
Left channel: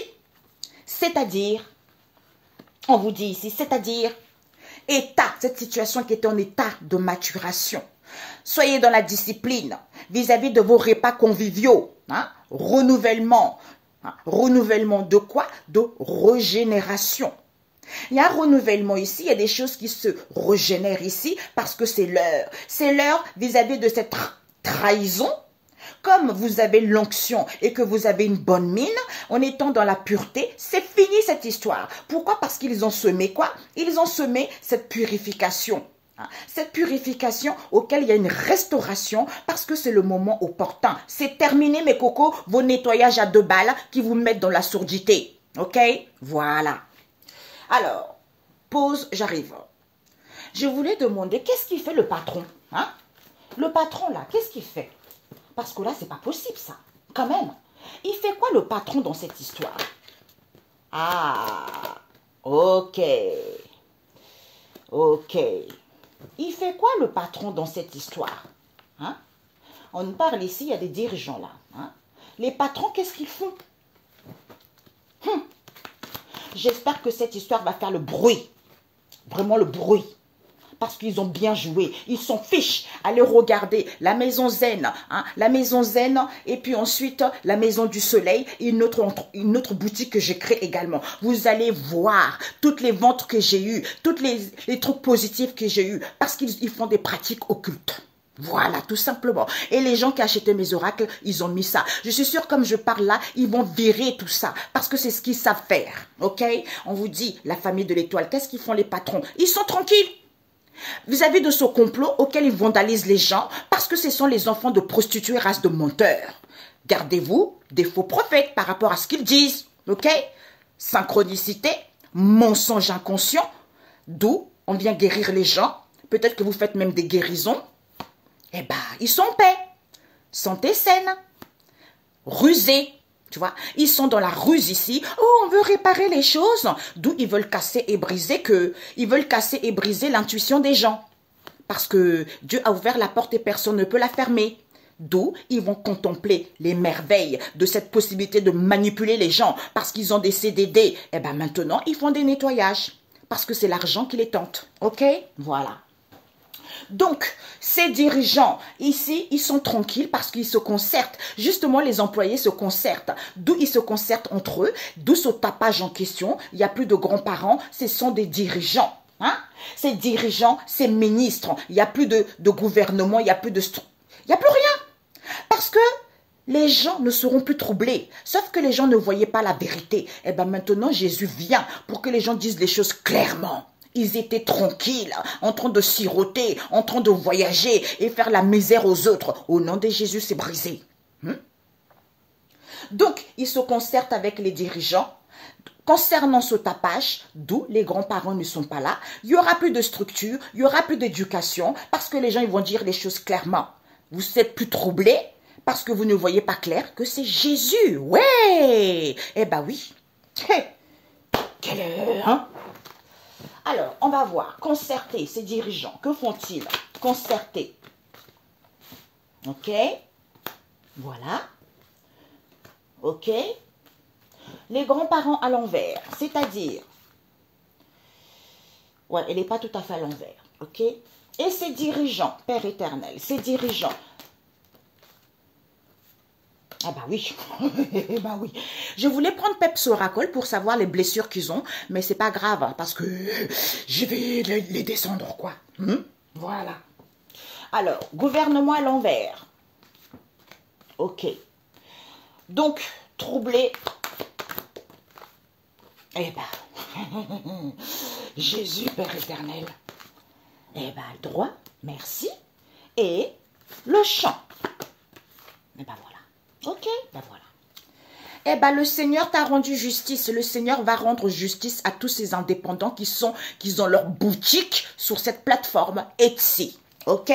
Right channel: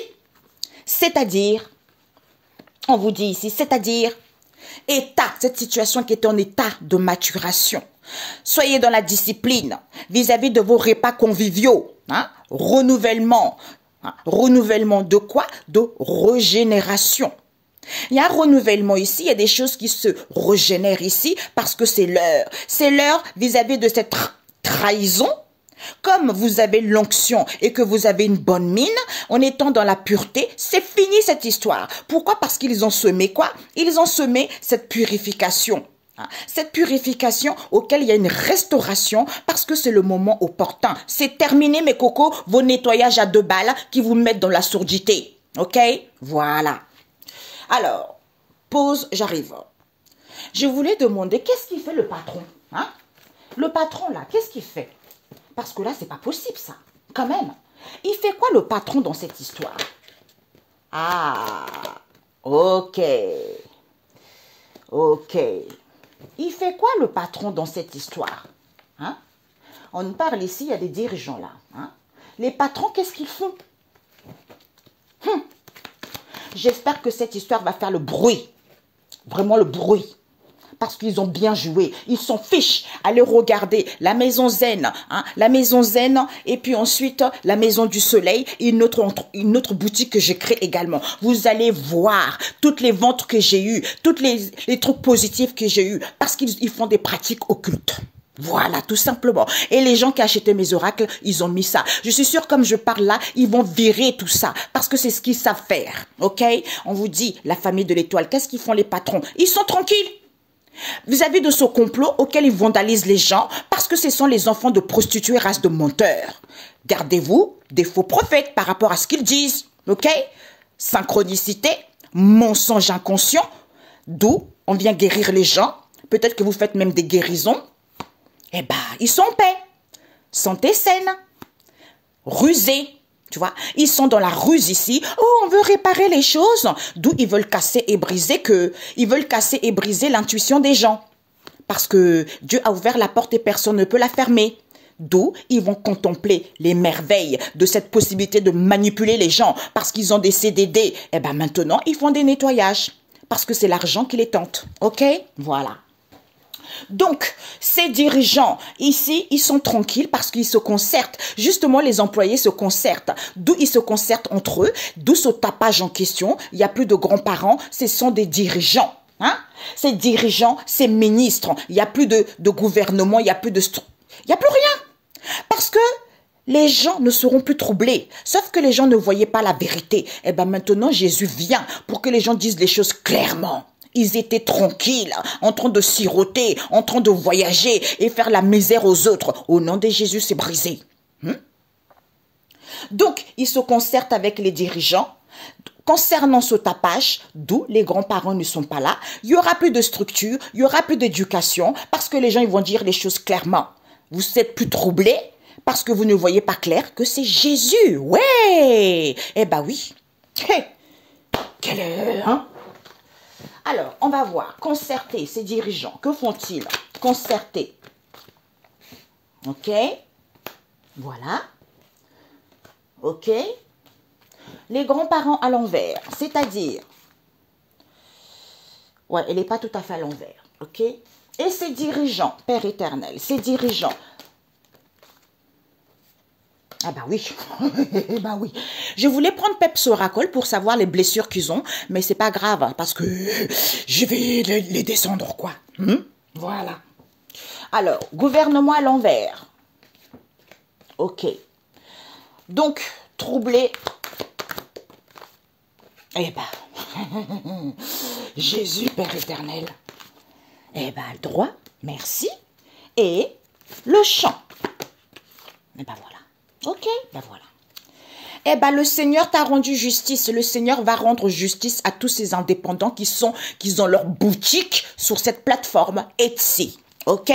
c'est-à-dire, on vous dit ici, c'est-à-dire, cette situation qui est en état de maturation. Soyez dans la discipline vis-à-vis de vos repas conviviaux. Hein? Renouvellement. Hein? Renouvellement de quoi? De régénération. Il y a un renouvellement ici, il y a des choses qui se régénèrent ici parce que c'est l'heure. C'est l'heure vis-à-vis de cette trahison. Comme vous avez l'onction et que vous avez une bonne mine, en étant dans la pureté, c'est fini cette histoire. Pourquoi? Parce qu'ils ont semé quoi? Ils ont semé cette purification. Cette purification auquel il y a une restauration parce que c'est le moment opportun. C'est terminé mes cocos, vos nettoyages à 2 balles qui vous mettent dans la sourdité. Ok? Voilà. Alors, pause, j'arrive. Je voulais demander, qu'est-ce qu'il fait le patron? Hein? Le patron, là, qu'est-ce qu'il fait? Parce que là, c'est pas possible, ça. Quand même. Il fait quoi, le patron, dans cette histoire? Ah, ok. Ok. Il fait quoi, le patron, dans cette histoire? Hein? On parle ici, il y a des dirigeants, là. Hein? Les patrons, qu'est-ce qu'ils font? J'espère que cette histoire va faire le bruit. Vraiment le bruit. Parce qu'ils ont bien joué. Ils s'en fichent. Allez regarder la maison zen. Hein, la maison zen. Et puis ensuite, la maison du soleil. Une autre boutique que j'ai créée également. Vous allez voir toutes les ventes que j'ai eues. Tous les trucs positifs que j'ai eus. Parce qu'ils font des pratiques occultes. Voilà, tout simplement. Et les gens qui achetaient mes oracles, ils ont mis ça. Je suis sûre, comme je parle là, ils vont virer tout ça. Parce que c'est ce qu'ils savent faire. Ok? On vous dit, la famille de l'étoile, qu'est-ce qu'ils font les patrons? Ils sont tranquilles. Vis-à-vis de ce complot auquel ils vandalisent les gens, parce que ce sont les enfants de prostituées, race de menteurs. Gardez-vous des faux prophètes par rapport à ce qu'ils disent. Ok? Synchronicité, mensonge inconscient, d'où on vient guérir les gens. Peut-être que vous faites même des guérisons. Eh ben, ils sont en paix. Santé saine. Rusés. Tu vois, ils sont dans la ruse ici. Oh, on veut réparer les choses. D'où ils veulent casser et briser ils veulent casser et briser l'intuition des gens. Parce que Dieu a ouvert la porte et personne ne peut la fermer. D'où ils vont contempler les merveilles de cette possibilité de manipuler les gens. Parce qu'ils ont des CDD. Eh ben, maintenant, ils font des nettoyages. Parce que c'est l'argent qui les tente. Ok? Voilà. Donc, ces dirigeants, ici, ils sont tranquilles parce qu'ils se concertent. Justement, les employés se concertent. D'où ils se concertent entre eux, d'où ce tapage en question. Il n'y a plus de grands-parents, ce sont des dirigeants. Hein? Ces dirigeants, ces ministres, il n'y a plus de gouvernement, il n'y a plus de... Il n'y a plus rien. Parce que les gens ne seront plus troublés. Sauf que les gens ne voyaient pas la vérité. Et bien maintenant, Jésus vient pour que les gens disent les choses clairement. Ils étaient tranquilles, en train de siroter, en train de voyager et faire la misère aux autres. Au nom de Jésus, c'est brisé. Donc, ils se concertent avec les dirigeants. Concernant ce tapage, d'où les grands-parents ne sont pas là, il n'y aura plus de structure, il n'y aura plus d'éducation, parce que les gens ils vont dire les choses clairement. Vous êtes plus troublés parce que vous ne voyez pas clair que c'est Jésus. Ouais. Eh ben oui. Quelle heure, hein? Alors, on va voir. Concerter ces dirigeants. Que font-ils? Concerter. Ok. Voilà. Ok. Les grands-parents à l'envers, c'est-à-dire, ouais, elle n'est pas tout à fait à l'envers, ok? Et ces dirigeants, Père éternel, ces dirigeants, ah bah oui, bah oui. Je voulais prendre Pepsi-Oracol pour savoir les blessures qu'ils ont, mais c'est pas grave, hein, parce que je vais les descendre, quoi. Voilà. Alors, gouvernement à l'envers. Ok. Donc, troublé. Eh ben, Jésus, Père éternel. Eh ben, le droit, merci. Et le chant. Eh ben voilà. Ok, ben voilà. Eh ben, le Seigneur t'a rendu justice. Le Seigneur va rendre justice à tous ces indépendants qui ont leur boutique sur cette plateforme Etsy. Ok?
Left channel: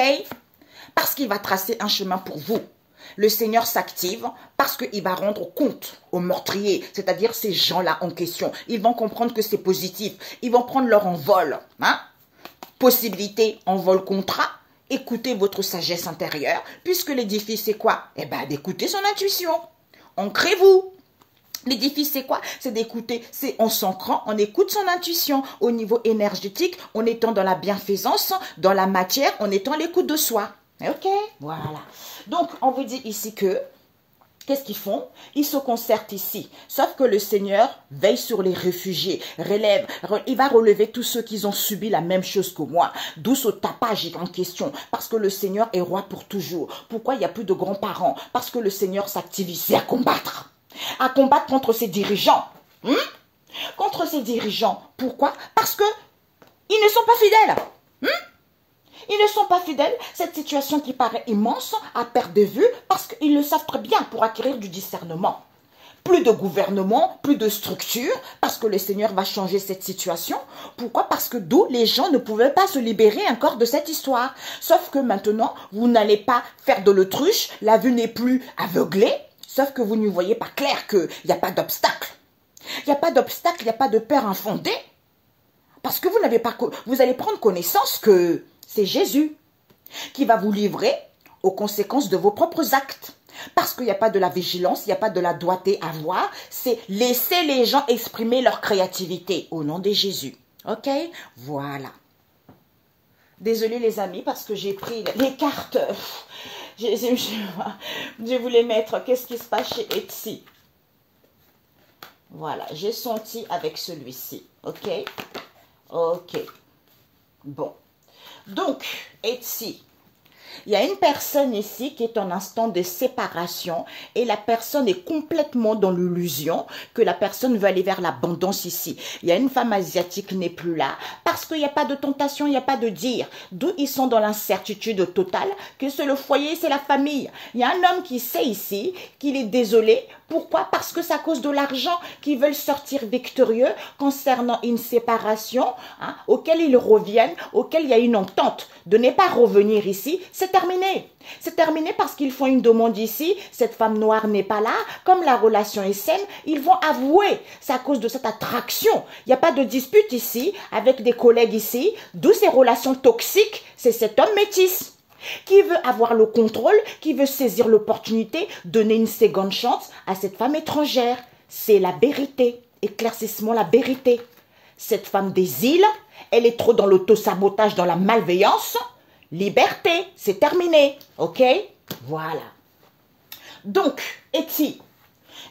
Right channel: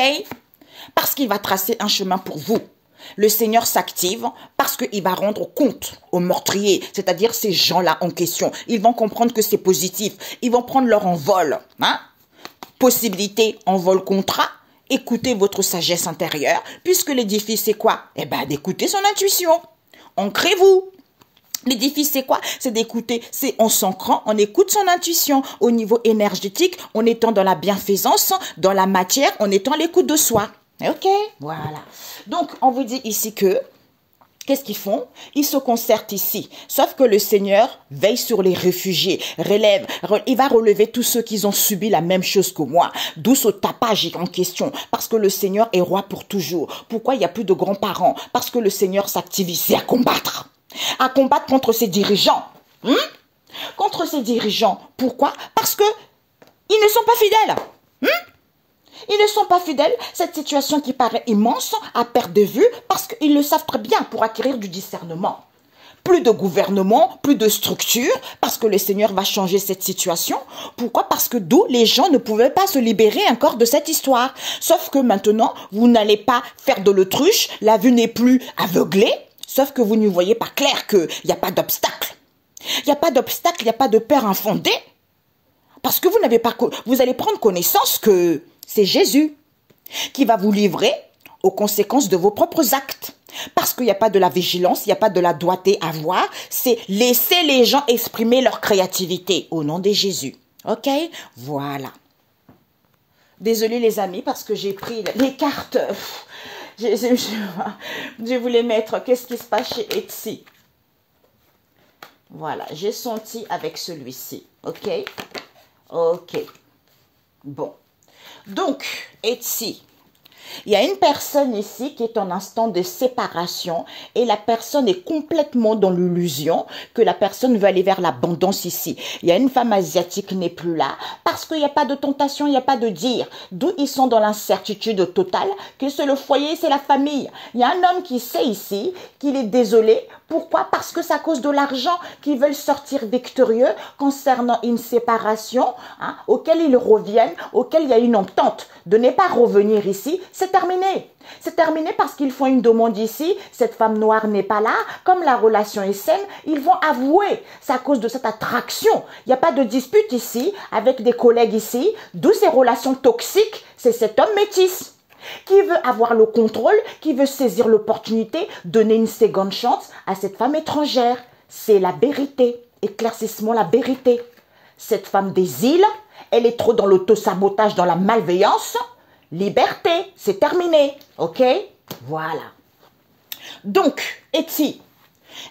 Parce qu'il va tracer un chemin pour vous. Le Seigneur s'active parce qu'il va rendre compte aux meurtriers, c'est-à-dire ces gens-là en question. Ils vont comprendre que c'est positif. Ils vont prendre leur envol. Hein? Possibilité, envol, contrat. Écoutez votre sagesse intérieure, puisque l'édifice, c'est quoi? Eh bien, d'écouter son intuition. Ancrez-vous. L'édifice, c'est quoi? C'est d'écouter, c'est en s'ancrant, on écoute son intuition au niveau énergétique, en étant dans la bienfaisance, dans la matière, en étant à l'écoute de soi. Ok, voilà. Donc, on vous dit ici que, qu'est-ce qu'ils font? Ils se concertent ici. Sauf que le Seigneur veille sur les réfugiés, il va relever tous ceux qui ont subi la même chose que moi. D'où ce tapage en question. Parce que le Seigneur est roi pour toujours. Pourquoi il n'y a plus de grands-parents? Parce que le Seigneur s'active ici à combattre. À combattre contre ses dirigeants. Contre ses dirigeants. Pourquoi? Parce que ils ne sont pas fidèles. Ils ne sont pas fidèles. Cette situation qui paraît immense à perte de vue parce qu'ils le savent très bien pour acquérir du discernement. Plus de gouvernement, plus de structure parce que le Seigneur va changer cette situation. Pourquoi? Parce que d'où les gens ne pouvaient pas se libérer encore de cette histoire. Sauf que maintenant, vous n'allez pas faire de l'autruche. La vue n'est plus aveuglée. Sauf que vous ne voyez pas clair qu'il n'y a pas d'obstacle. Il n'y a pas d'obstacle, il n'y a pas de peur infondée. Parce que vous n'avez pas, vous allez prendre connaissance que c'est Jésus qui va vous livrer aux conséquences de vos propres actes. Parce qu'il n'y a pas de la vigilance, il n'y a pas de la doigté à voir. C'est laisser les gens exprimer leur créativité au nom de Jésus. Ok? Voilà. Désolée les amis parce que j'ai pris les cartes. Je voulais mettre qu'est-ce qui se passe chez Etsy. Voilà, j'ai senti avec celui-ci. Ok? Ok. Bon. Donc, Etsy. Il y a une personne ici qui est en instant de séparation et la personne est complètement dans l'illusion que la personne veut aller vers l'abondance ici. Il y a une femme asiatique qui n'est plus là parce qu'il n'y a pas de tentation, il n'y a pas de dire. D'où ils sont dans l'incertitude totale que c'est le foyer, c'est la famille. Il y a un homme qui sait ici qu'il est désolé. Pourquoi? Parce que c'est à cause de l'argent qu'ils veulent sortir victorieux concernant une séparation auquel ils reviennent, auquel il y a une entente de ne pas revenir ici. C'est terminé. C'est terminé parce qu'ils font une demande ici. Cette femme noire n'est pas là. Comme la relation est saine, ils vont avouer. C'est à cause de cette attraction. Il n'y a pas de dispute ici avec des collègues ici. D'où ces relations toxiques. C'est cet homme métis qui veut avoir le contrôle, qui veut saisir l'opportunité, donner une seconde chance à cette femme étrangère. C'est la vérité. Éclaircissement, la vérité. Cette femme des îles, elle est trop dans l'autosabotage, dans la malveillance. liberté, c'est terminé, ok? Voilà. Donc, Etsy,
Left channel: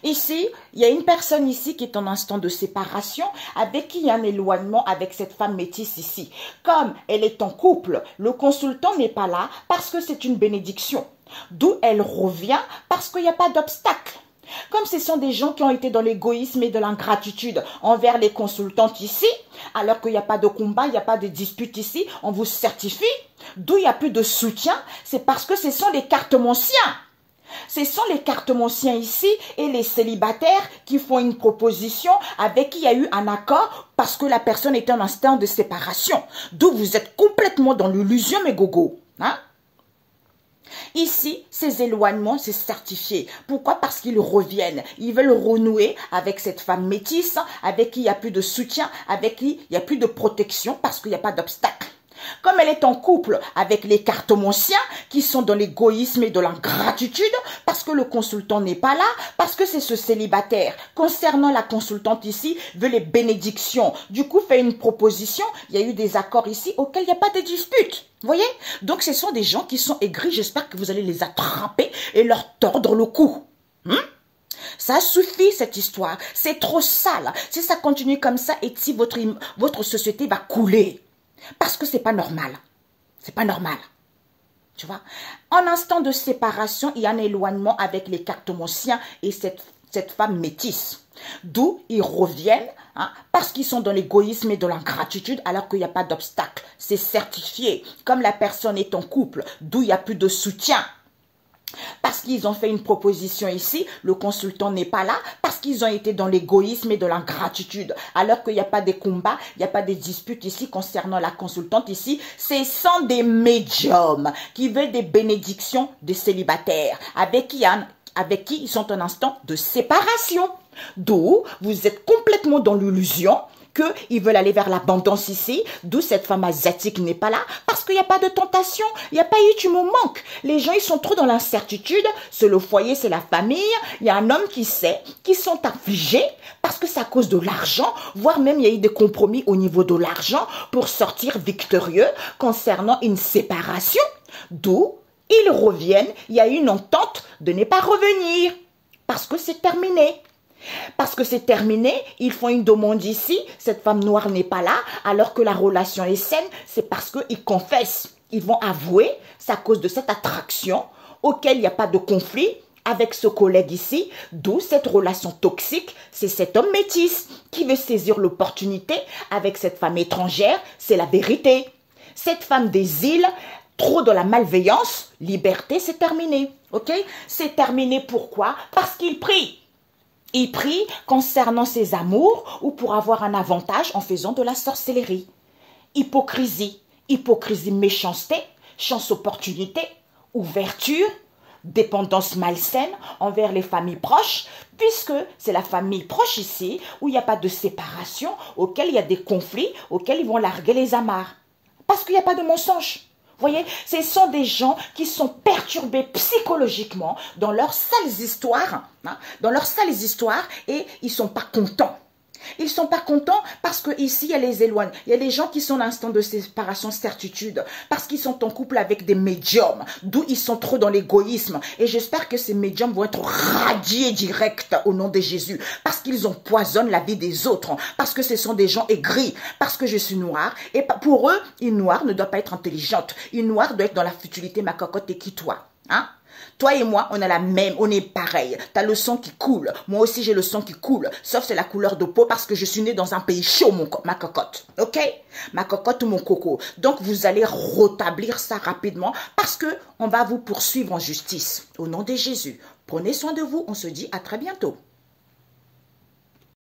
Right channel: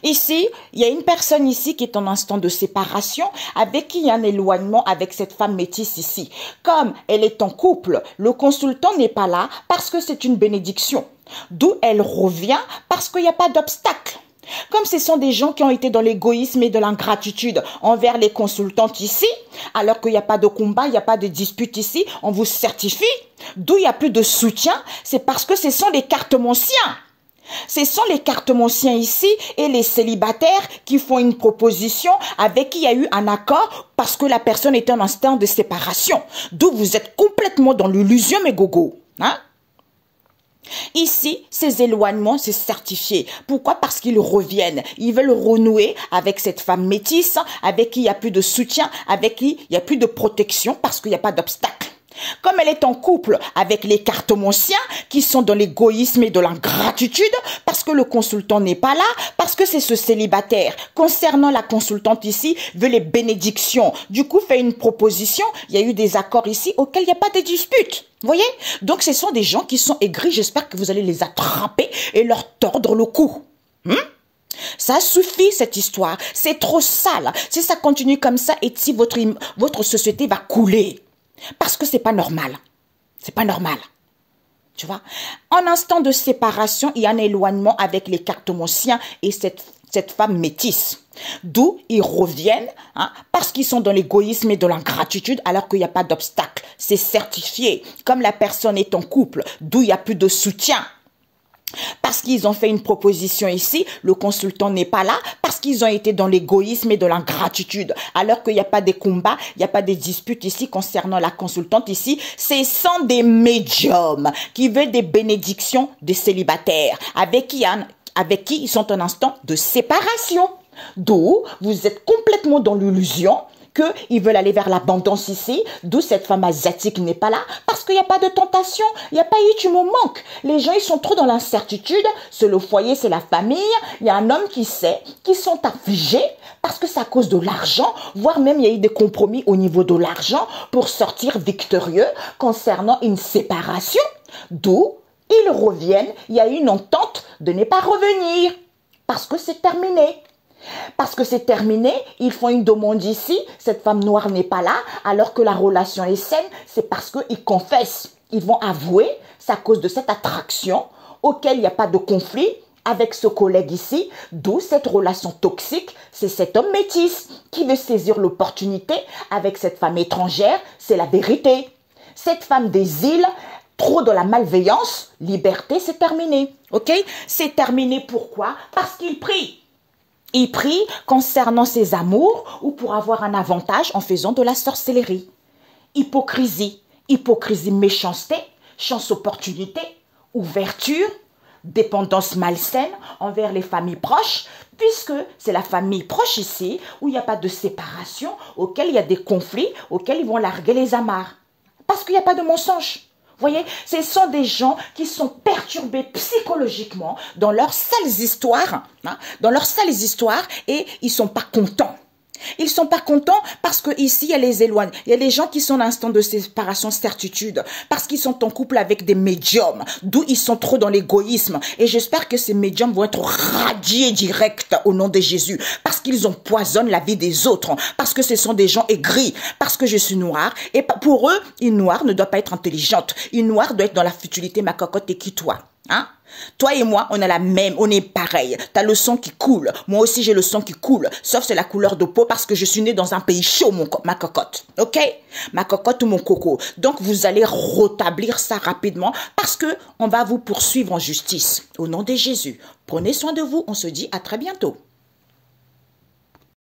ici, il y a une personne ici qui est en instant de séparation, avec qui il y a un éloignement avec cette femme métisse ici. Comme elle est en couple, le consultant n'est pas là parce que c'est une bénédiction. D'où elle revient parce qu'il n'y a pas d'obstacle. Comme ce sont des gens qui ont été dans l'égoïsme et de l'ingratitude envers les consultantes ici, alors qu'il n'y a pas de combat, il n'y a pas de dispute ici, on vous certifie, d'où il n'y a plus de soutien, c'est parce que ce sont les cartomanciens. Ce sont les cartomanciens ici et les célibataires qui font une proposition avec qui il y a eu un accord parce que la personne était en instant de séparation. D'où vous êtes complètement dans l'illusion, mes gogos. Hein? Ici, ces éloignements, c'est certifié. Pourquoi? Parce qu'ils reviennent. Ils veulent renouer avec cette femme métisse, avec qui il n'y a plus de soutien, avec qui il n'y a plus de protection, parce qu'il n'y a pas d'obstacle. Comme elle est en couple avec les cartomanciens qui sont dans l'égoïsme et de l'ingratitude, parce que le consultant n'est pas là, parce que c'est ce célibataire. Concernant la consultante ici, veut les bénédictions. Du coup, fait une proposition. Il y a eu des accords ici auxquels il n'y a pas de dispute. Vous voyez? Donc, ce sont des gens qui sont aigris. J'espère que vous allez les attraper et leur tordre le cou. Ça suffit, cette histoire. C'est trop sale. Si ça continue comme ça, et si votre société va couler. Parce que c'est pas normal. C'est pas normal. Tu vois? En instant de séparation, il y a un éloignement avec les cartomanciens et cette femme métisse. D'où ils reviennent, hein, parce qu'ils sont dans l'égoïsme et de l'ingratitude alors qu'il n'y a pas d'obstacle. C'est certifié. Comme la personne est en couple, d'où il n'y a plus de soutien. Parce qu'ils ont fait une proposition ici, le consultant n'est pas là, parce qu'ils ont été dans l'égoïsme et de l'ingratitude, alors qu'il n'y a pas de combats, il n'y a pas de disputes ici concernant la consultante ici, ce sont des médiums qui veulent des bénédictions des célibataires, avec qui ils sont en instant de séparation. D'où vous êtes complètement dans l'illusion qu'ils veulent aller vers l'abondance ici, d'où cette femme asiatique n'est pas là, parce qu'il n'y a pas de tentation, il n'y a pas eu tu me manques. Les gens, ils sont trop dans l'incertitude, c'est le foyer, c'est la famille, il y a un homme qui sait, qui sont affligés, parce que c'est à cause de l'argent, voire même il y a eu des compromis au niveau de l'argent pour sortir victorieux concernant une séparation, d'où ils reviennent, il y a eu une entente de ne pas revenir, parce que c'est terminé. Parce que c'est terminé, ils font une demande ici, cette femme noire n'est pas là, alors que la relation est saine, c'est parce qu'ils confessent. Ils vont avouer, c'est à cause de cette attraction auquel il n'y a pas de conflit avec ce collègue ici, d'où cette relation toxique, c'est cet homme métis qui veut saisir l'opportunité avec cette femme étrangère, c'est la vérité. Cette femme des îles, trop dans la malveillance, liberté, c'est terminé, ok? C'est terminé pourquoi? Parce qu'il prie. Il prie concernant ses amours ou pour avoir un avantage en faisant de la sorcellerie. Hypocrisie, méchanceté, chance opportunité, ouverture, dépendance malsaine envers les familles proches, puisque c'est la famille proche ici où il n'y a pas de séparation, auquel il y a des conflits, auxquels ils vont larguer les amarres. Parce qu'il n'y a pas de mensonge. Vous voyez, ce sont des gens qui sont perturbés psychologiquement dans leurs sales histoires, et ils sont pas contents. Ils sont pas contents parce que ici il y a les éloigne. Il y a des gens qui sont en instant de séparation, certitude, parce qu'ils sont en couple avec des médiums, d'où ils sont trop dans l'égoïsme. Et j'espère que ces médiums vont être radiés direct au nom de Jésus, parce qu'ils empoisonnent la vie des autres, parce que ce sont des gens aigris, parce que je suis noire. Et pour eux, une noire ne doit pas être intelligente. Une noire doit être dans la futilité, ma cocotte, et qui toi, hein? Toi et moi, on a la même, on est pareil. T'as le sang qui coule. Moi aussi, j'ai le sang qui coule. Sauf c'est la couleur de peau parce que je suis née dans un pays chaud, ma cocotte. Ok? Ma cocotte ou mon coco. Donc, vous allez rétablir ça rapidement parce que on va vous poursuivre en justice. Au nom de Jésus. Prenez soin de vous. On se dit à très bientôt.